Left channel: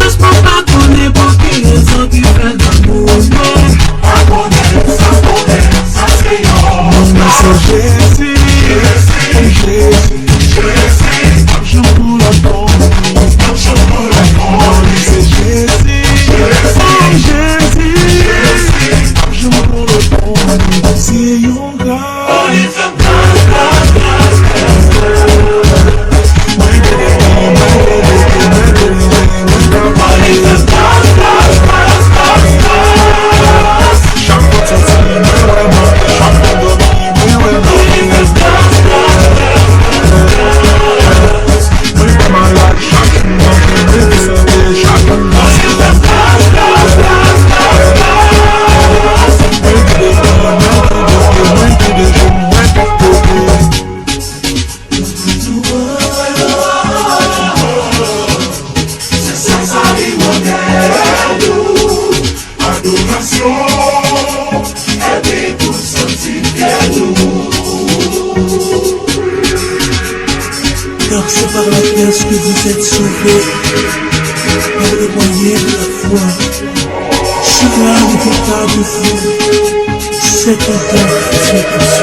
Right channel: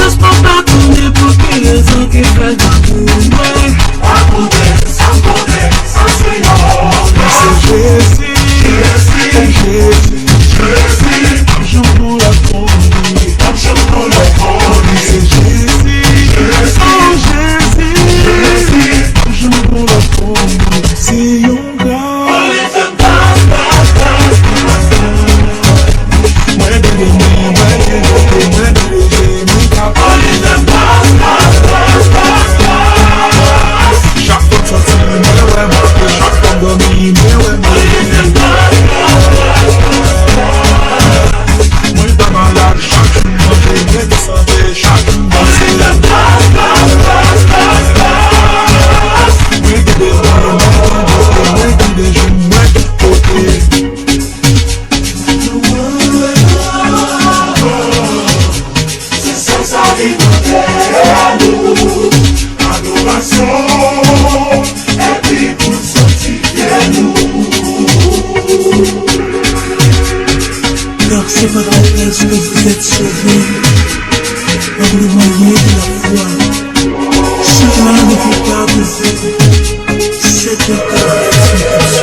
Just mon pardonner pour qui raison qui fait l'amour. Pardonner, ça c'est non. Mon nom c'est Jésus, oh Jésus, Jésus. Je prends la tombe, je prends la tombe. C'est Jésus, oh Jésus, Jésus. Je prends la tombe, c'est your God. It's a c'est par la grâce que vous êtes sauvés, par le moyen de la foi. Cela ne peut pas de vous, cette grâce.